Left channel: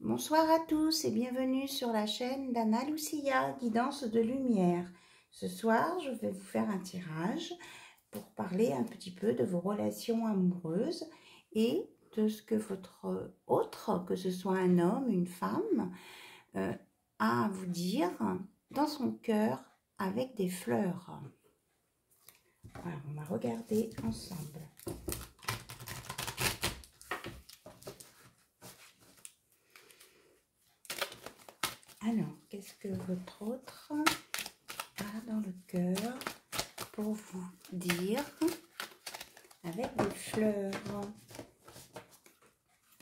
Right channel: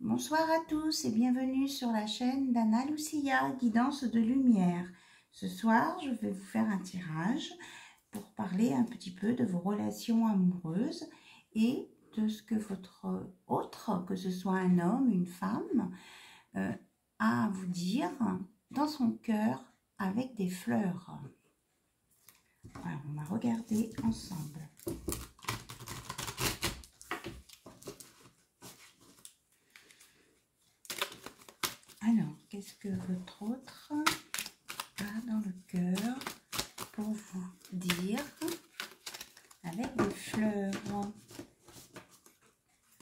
Bonsoir à tous et bienvenue sur la chaîne d'Anna Lucia, Guidance de Lumière. Ce soir, je vais vous faire un tirage pour parler un petit peu de vos relations amoureuses et de ce que votre autre, que ce soit un homme, une femme, a à vous dire dans son cœur avec des fleurs. Alors, on va regarder ensemble. Alors, qu'est-ce que votre autre a dans le cœur pour vous dire avec des fleurs?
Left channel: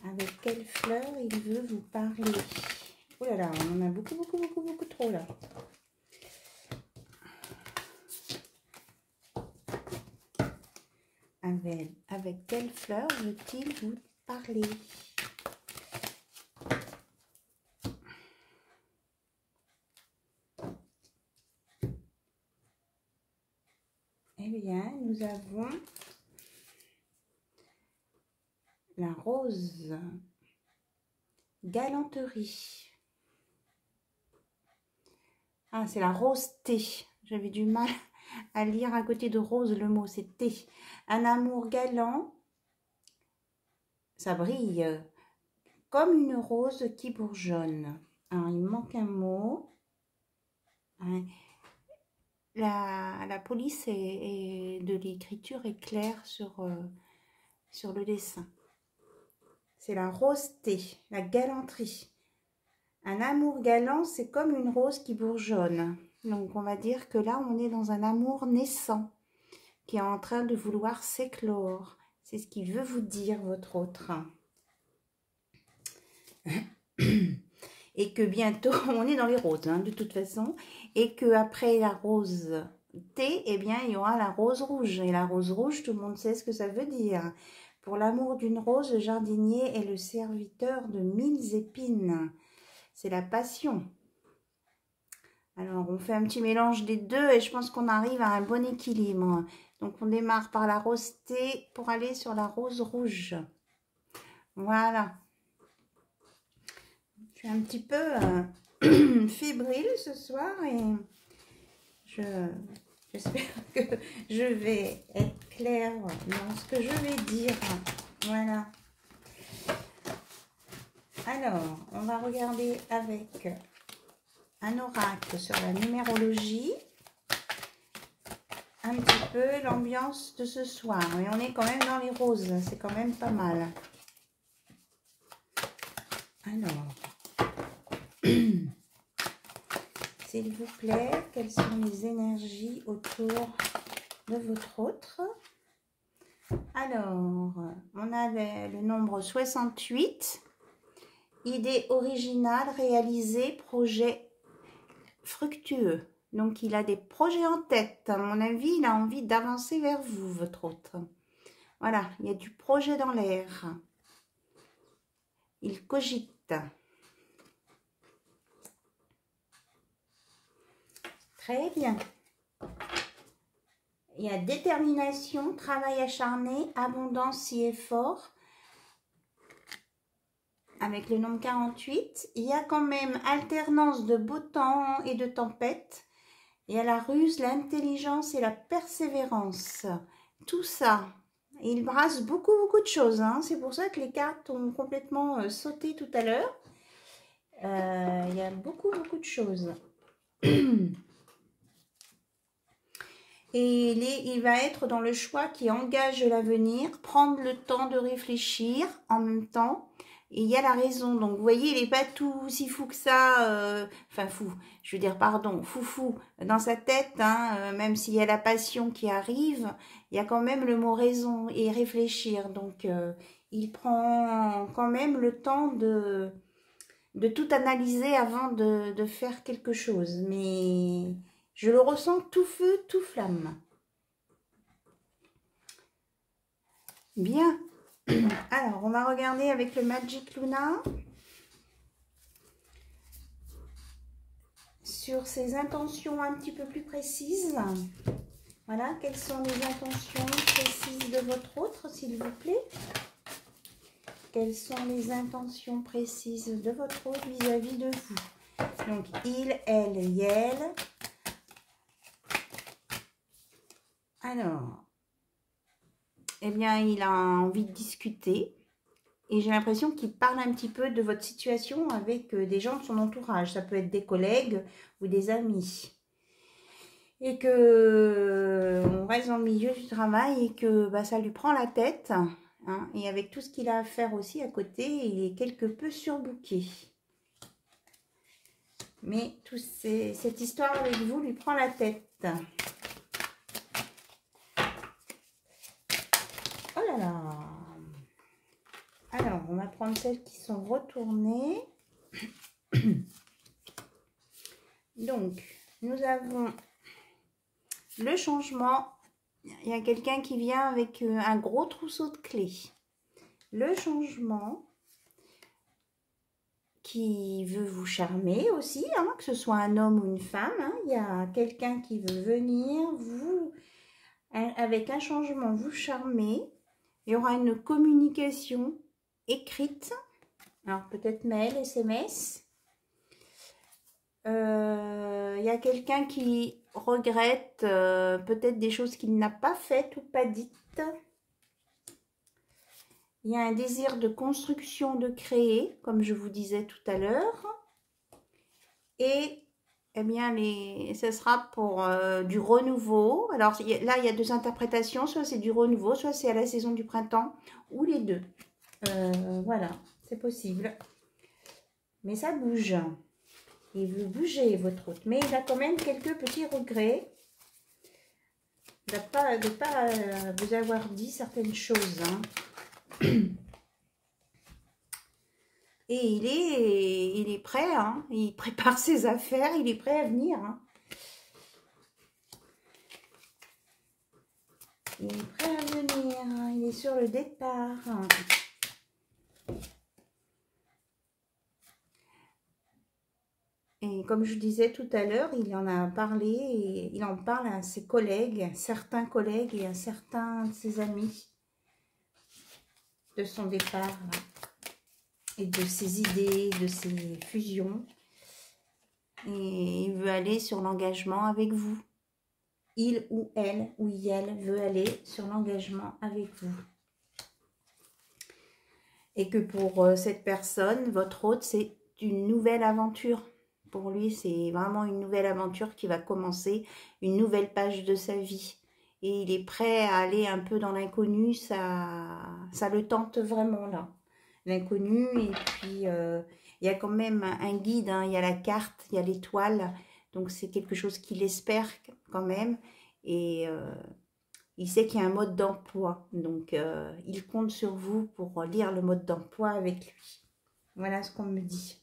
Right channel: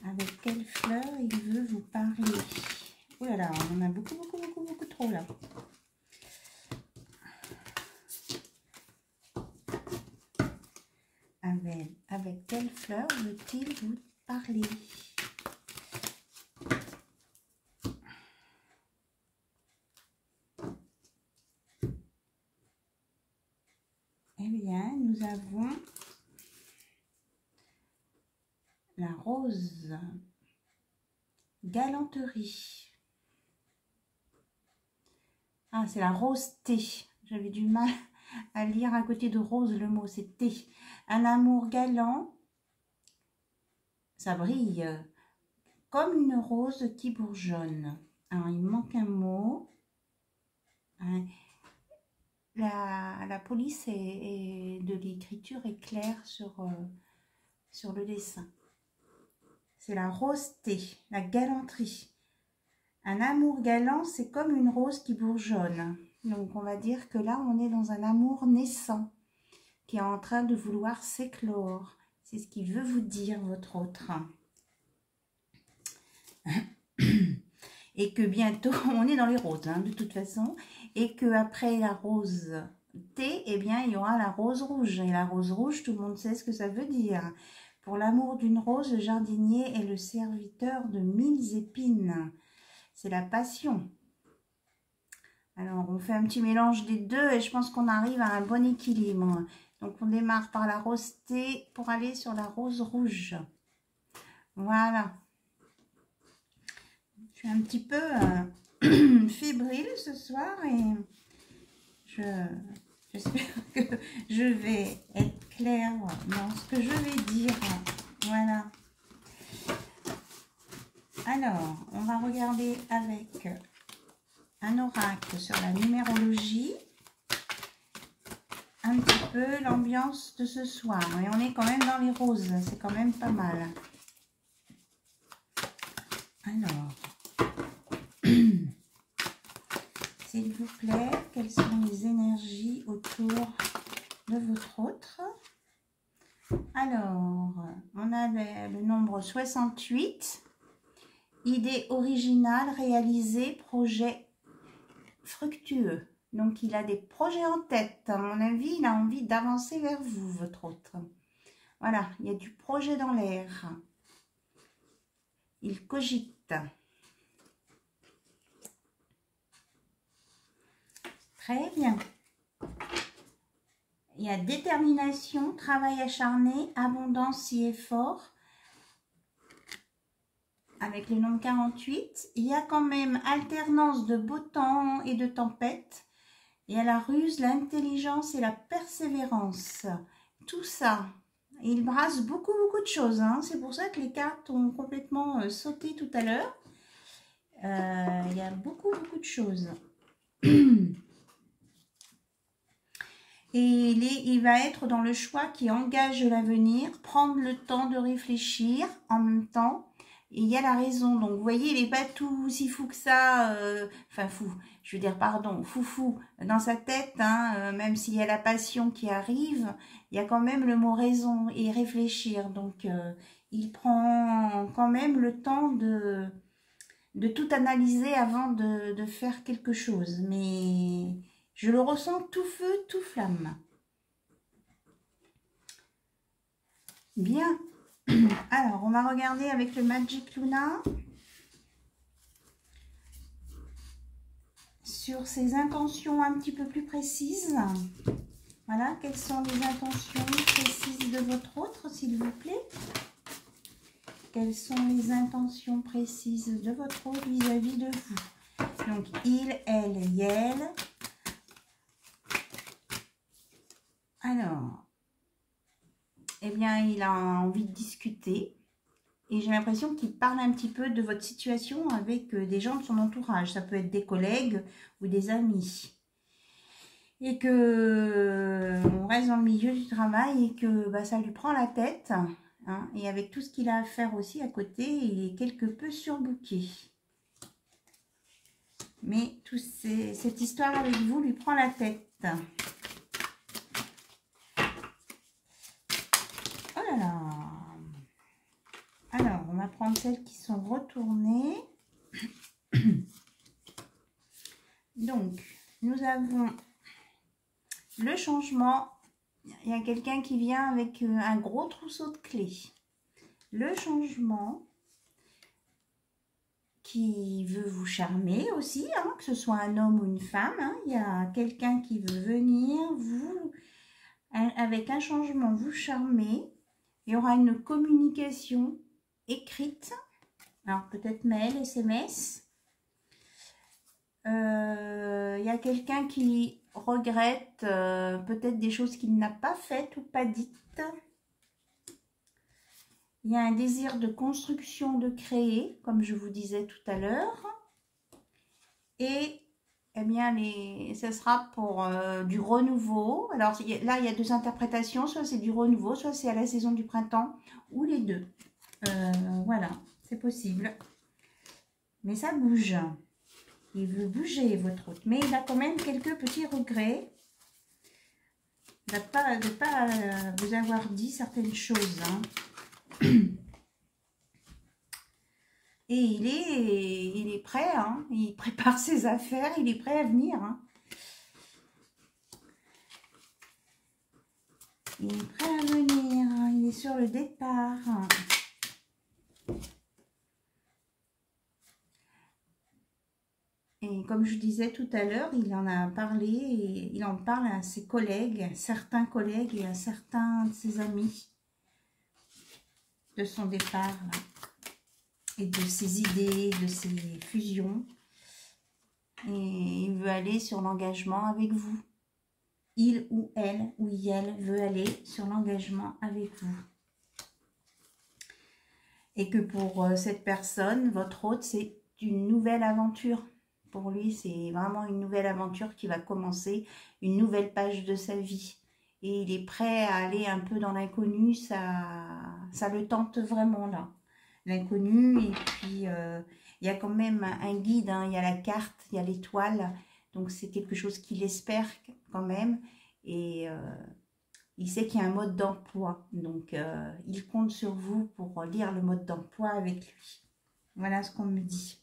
Avec quelles fleurs il veut vous parler? Oh là là, on en a beaucoup trop là. Avec quelles fleurs veut-il vous parler? Eh bien, nous avons la rose galanterie. Ah, c'est la rose thé. J'avais du mal à lire à côté de rose le mot, c'est thé. Un amour galant, ça brille comme une rose qui bourgeonne. Alors, il manque un mot. La police de l'écriture est claire sur le dessin. C'est la rose thé, la galanterie. Un amour galant, c'est comme une rose qui bourgeonne. Donc, on va dire que là, on est dans un amour naissant qui est en train de vouloir s'éclore. C'est ce qu'il veut vous dire, votre autre. Et que bientôt, on est dans les roses, hein, de toute façon. Et qu'après la rose thé, eh bien, il y aura la rose rouge. Et la rose rouge, tout le monde sait ce que ça veut dire. Pour l'amour d'une rose, le jardinier est le serviteur de 1000 épines. C'est la passion. Alors, on fait un petit mélange des deux et je pense qu'on arrive à un bon équilibre. Donc, on démarre par la rose thé pour aller sur la rose rouge. Voilà. Je suis un petit peu fébrile ce soir et j'espère que je vais être claire dans ce que je vais dire. Voilà. Alors, on va regarder avec un oracle sur la numérologie un petit peu l'ambiance de ce soir. Et on est quand même dans les roses, c'est quand même pas mal. Alors, s'il vous plaît, quelles sont les énergies autour de votre autre? Alors, on a le nombre 68. Idée originale, réalisée, projet fructueux. Donc, il a des projets en tête. À mon avis, il a envie d'avancer vers vous, votre autre. Voilà, il y a du projet dans l'air. Il cogite. Très bien. Il y a détermination, travail acharné, abondance et effort. Avec le nombre 48, il y a quand même alternance de beau temps et de tempête. Il y a la ruse, l'intelligence et la persévérance. Tout ça, il brasse beaucoup de choses. Hein. C'est pour ça que les cartes ont complètement sauté tout à l'heure. Il y a beaucoup de choses. Et il va être dans le choix qui engage l'avenir, prendre le temps de réfléchir en même temps. Et il y a la raison. Donc, vous voyez, il n'est pas tout si fou que ça. Enfin, fou, je veux dire, pardon, foufou dans sa tête. Hein, même s'il y a la passion qui arrive, il y a quand même le mot raison et réfléchir. Donc, il prend quand même le temps de tout analyser avant de faire quelque chose. Mais je le ressens tout feu, tout flamme. Bien. Alors, on va regarder avec le Magic Luna sur ses intentions un petit peu plus précises. Voilà, quelles sont les intentions précises de votre autre, s'il vous plaît? quelles sont les intentions précises de votre hôte vis-à-vis de vous. Donc, il, elle, yel. Alors, eh bien, il a envie de discuter. Et j'ai l'impression qu'il parle un petit peu de votre situation avec des gens de son entourage. Ça peut être des collègues ou des amis. Et que on reste dans le milieu du travail et que bah, ça lui prend la tête. Hein, et avec tout ce qu'il a à faire aussi à côté, il est quelque peu surbooké. Mais cette histoire avec vous lui prend la tête. Oh là là! Alors, on va prendre celles qui sont retournées. Donc, nous avons le changement. Il y a quelqu'un qui vient avec un gros trousseau de clés. Le changement qui veut vous charmer aussi, hein, que ce soit un homme ou une femme. Hein. Il y a quelqu'un qui veut venir vous, avec un changement, vous charmer. Il y aura une communication écrite. Alors, peut-être mail, SMS. Il y a quelqu'un qui regrette peut-être des choses qu'il n'a pas faites ou pas dites. Il y a un désir de construction, de créer, comme je vous disais tout à l'heure. Et eh bien, ce sera pour du renouveau. Alors là, il y a deux interprétations. Soit c'est du renouveau, soit c'est à la saison du printemps, ou les deux. Voilà, c'est possible. Mais ça bouge. Il veut bouger, votre hôte. Mais il a quand même quelques petits regrets de ne pas vous avoir dit certaines choses. Hein. Et il est prêt. Hein. Il prépare ses affaires. Il est prêt à venir. Hein. Il est prêt à venir. Hein. Il est sur le départ. Hein. Et comme je disais tout à l'heure, il en a parlé et il en parle à ses collègues, certains collègues et à certains de ses amis de son départ et de ses idées, de ses fusions. Et il veut aller sur l'engagement avec vous. Il ou elle veut aller sur l'engagement avec vous. Et que pour cette personne, votre hôte, c'est une nouvelle aventure. Pour lui, c'est vraiment une nouvelle aventure qui va commencer, une nouvelle page de sa vie. Et il est prêt à aller un peu dans l'inconnu, ça le tente vraiment là. L'inconnu, et puis il y a quand même un guide, hein, il y a la carte, il y a l'étoile. Donc c'est quelque chose qu'il espère quand même. Et il sait qu'il y a un mode d'emploi. Donc il compte sur vous pour lire le mode d'emploi avec lui. Voilà ce qu'on me dit.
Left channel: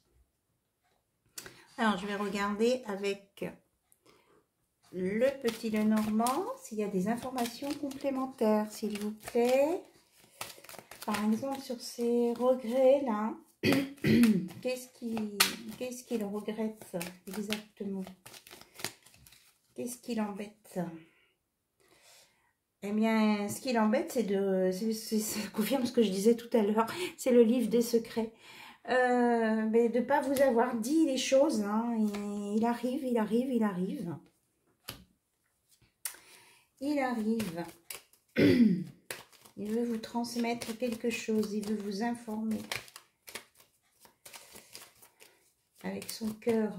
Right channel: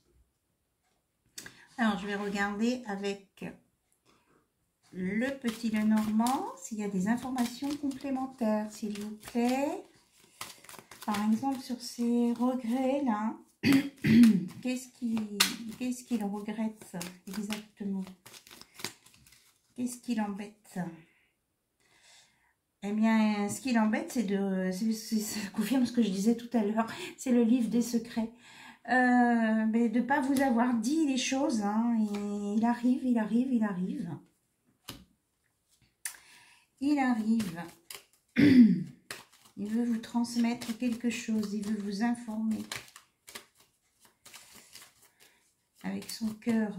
Alors, je vais regarder avec le petit Lenormand s'il y a des informations complémentaires, s'il vous plaît. Par exemple, sur ces regrets là, qu'est-ce qu'il regrette exactement? Qu'est-ce qui l'embête? Eh bien, ce qui l'embête, c'est ça confirme ce que je disais tout à l'heure, c'est le livre des secrets. De ne pas vous avoir dit les choses. Hein, il arrive. Il veut vous transmettre quelque chose. Il veut vous informer. Avec son cœur.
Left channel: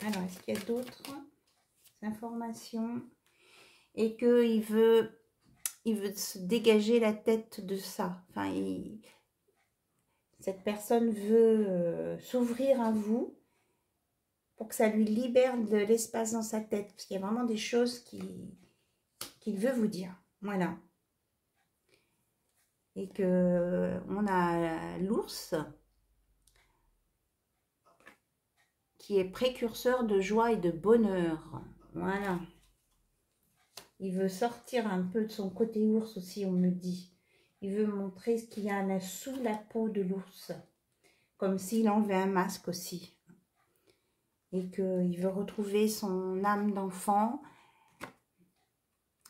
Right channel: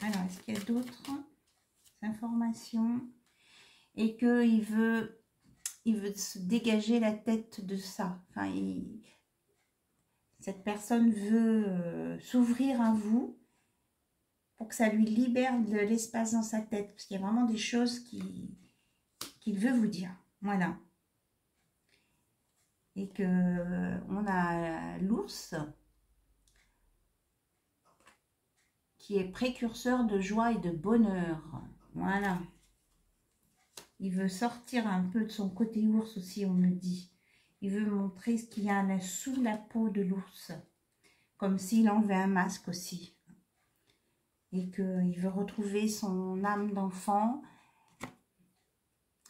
Alors, est-ce qu'il y a d'autres informations? Et qu'il veut se dégager la tête de ça. Enfin, cette personne veut s'ouvrir à vous pour que ça lui libère de l'espace dans sa tête. Parce qu'il y a vraiment des choses qu'il veut vous dire. Voilà. Et que on a l'ours qui est précurseur de joie et de bonheur. Voilà. Il veut sortir un peu de son côté ours aussi, on me dit. Il veut montrer ce qu'il y a sous la peau de l'ours. Comme s'il enlevait un masque aussi. Et qu'il veut retrouver son âme d'enfant.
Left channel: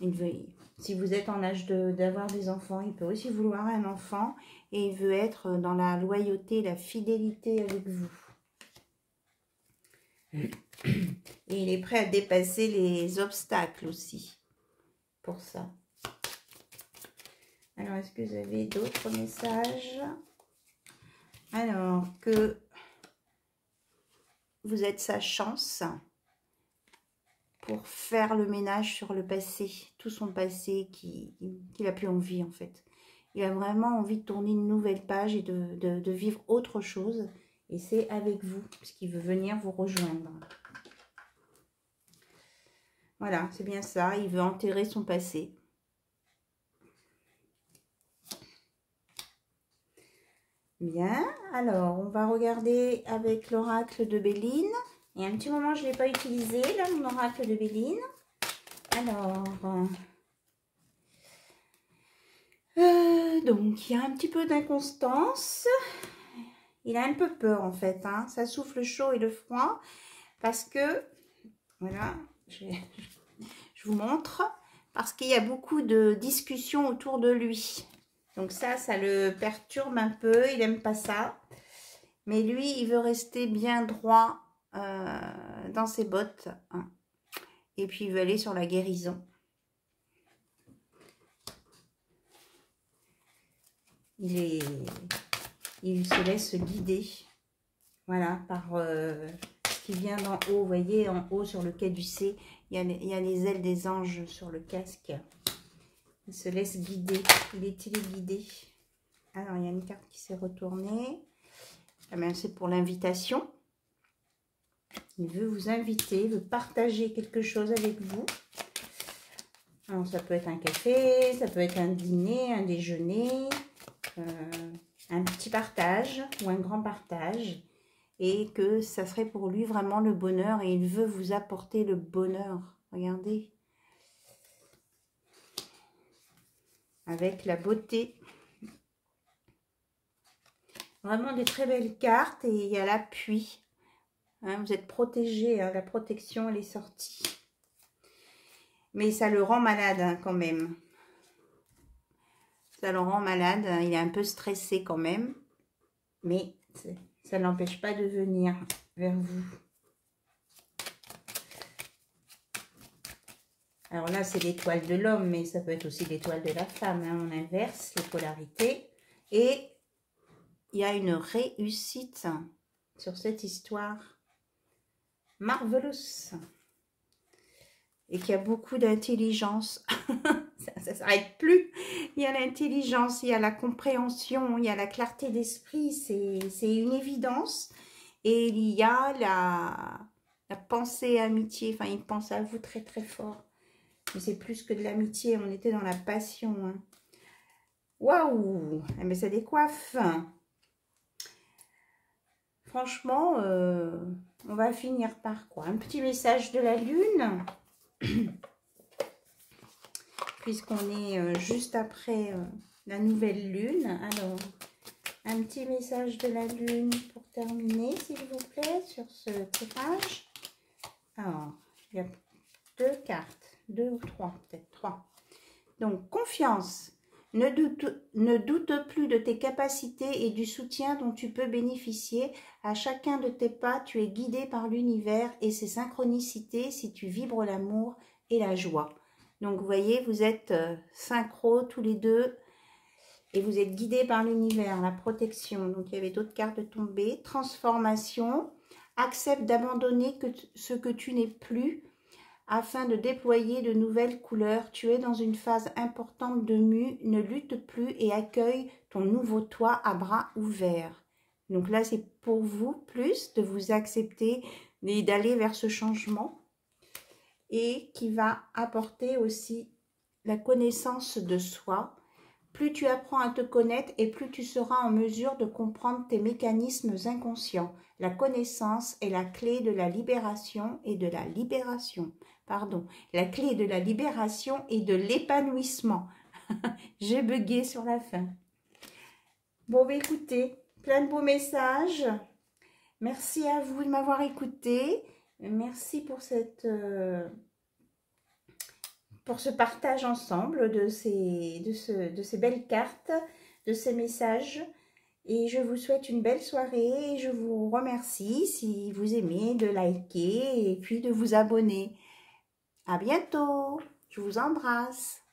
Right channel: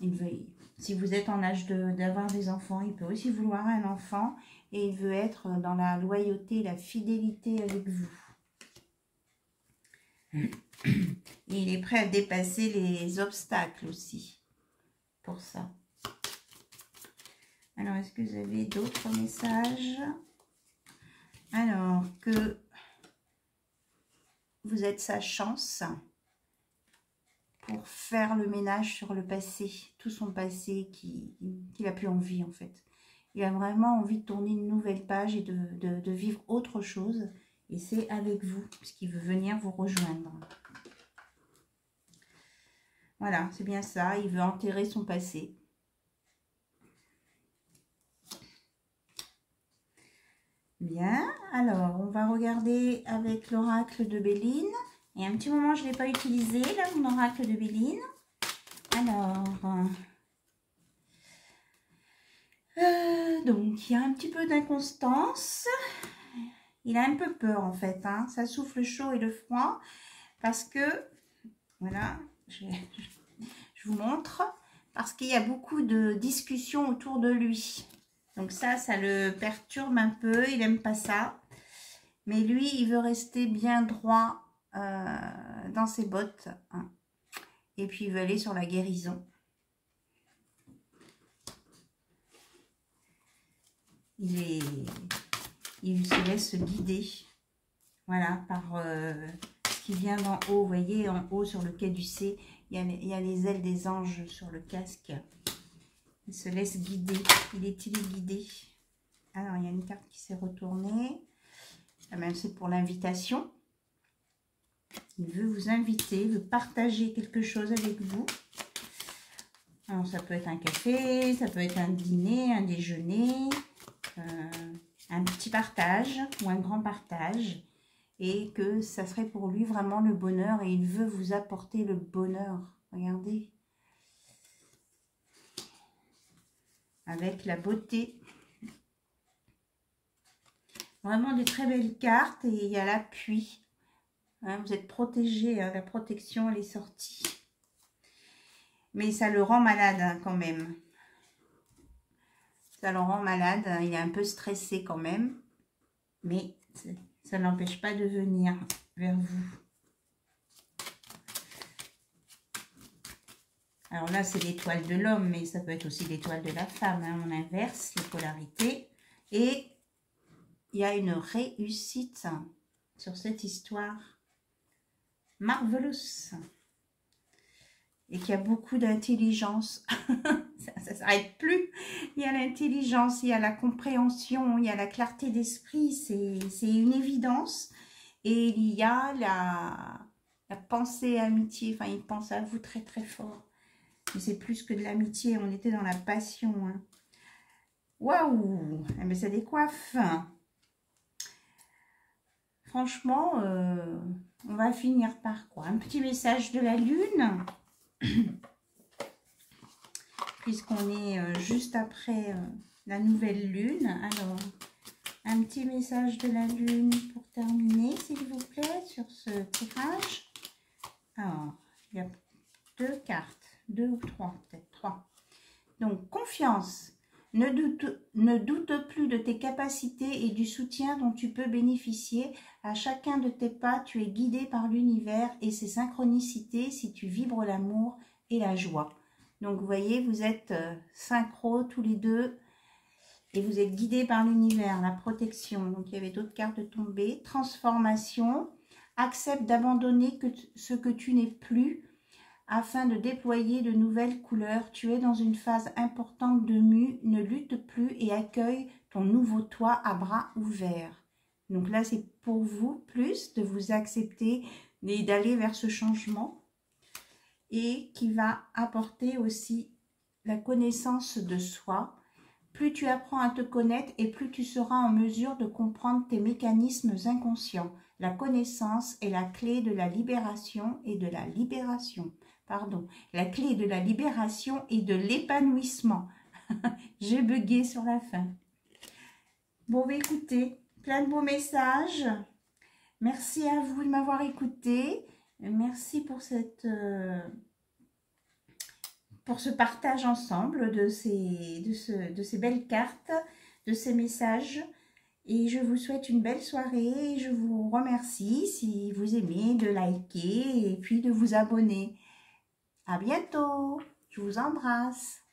Il veut, si vous êtes en âge d'avoir des enfants, il peut aussi vouloir un enfant. Et il veut être dans la loyauté, la fidélité avec vous. Et il est prêt à dépasser les obstacles aussi. Pour ça. Alors, est-ce que vous avez d'autres messages? Alors, que vous êtes sa chance pour faire le ménage sur le passé, tout son passé qu'il n'a plus envie en fait. Il a vraiment envie de tourner une nouvelle page et de vivre autre chose. Et c'est avec vous, puisqu'il veut venir vous rejoindre. Voilà, c'est bien ça. Il veut enterrer son passé. Bien, alors on va regarder avec l'oracle de Béline. Et un petit moment, je ne l'ai pas utilisé, là, mon oracle de Béline. Alors, donc, il y a un petit peu d'inconstance. Il a un peu peur, en fait. Hein. Ça souffle chaud et le froid. Parce que, voilà, je vous montre. Parce qu'il y a beaucoup de discussions autour de lui. Donc ça le perturbe un peu. Il n'aime pas ça. Mais lui, il veut rester bien droit dans ses bottes. Hein. Et puis, il veut aller sur la guérison. Il se laisse guider. Voilà, par ce qui vient d'en haut. Vous voyez, en haut, sur le quai du C, il y a les ailes des anges sur le casque. Il se laisse guider. Il est téléguidé. Alors, il y a une carte qui s'est retournée. Ah ben, c'est pour l'invitation. Il veut vous inviter, il veut partager quelque chose avec vous. Alors, ça peut être un café, ça peut être un dîner, un déjeuner, un petit partage ou un grand partage. Et que ça serait pour lui vraiment le bonheur et il veut vous apporter le bonheur. Regardez. Avec la beauté. Vraiment des très belles cartes et il y a l'appui. Hein, vous êtes protégé, hein, la protection elle est sortie. Mais ça le rend malade hein, quand même. Ça le rend malade, hein, il est un peu stressé quand même. Mais ça ne l'empêche pas de venir vers vous. Alors là c'est l'étoile de l'homme, mais ça peut être aussi l'étoile de la femme. Hein, on inverse les polarités. Et il y a une réussite sur cette histoire. Marvelous. Et qu'il y a beaucoup d'intelligence. ça ne s'arrête plus. Il y a l'intelligence, il y a la compréhension, il y a la clarté d'esprit. C'est une évidence. Et il y a la pensée amitié. Enfin, il pense à vous très très fort. Mais c'est plus que de l'amitié. On était dans la passion. Hein. Waouh! Mais ça décoiffe. Franchement, on va finir par quoi? Un petit message de la lune. Puisqu'on est juste après la nouvelle lune. Alors, un petit message de la lune pour terminer, s'il vous plaît, sur ce tirage. Alors, il y a 2 cartes, 2 ou 3, peut-être 3. Donc, confiance. Ne doute plus de tes capacités et du soutien dont tu peux bénéficier. À chacun de tes pas, tu es guidé par l'univers et ses synchronicités si tu vibres l'amour et la joie. Donc, vous voyez, vous êtes synchro tous les deux et vous êtes guidés par l'univers, la protection. Donc, il y avait d'autres cartes tombées. Transformation. Accepte d'abandonner ce que tu n'es plus afin de déployer de nouvelles couleurs. Tu es dans une phase importante de mue. Ne lutte plus et accueille ton nouveau toi à bras ouverts. Donc là, c'est pour vous plus de vous accepter et d'aller vers ce changement. Et qui va apporter aussi la connaissance de soi. Plus tu apprends à te connaître et plus tu seras en mesure de comprendre tes mécanismes inconscients. La connaissance est la clé de la libération et de la libération. Pardon, la clé de la libération et de l'épanouissement. J'ai bugué sur la fin. Bon, écoutez, plein de beaux messages. Merci à vous de m'avoir écouté. Merci pour cette pour ce partage ensemble de ces belles cartes, de ces messages. Et je vous souhaite une belle soirée et je vous remercie si vous aimez de liker et puis de vous abonner. À bientôt, je vous embrasse.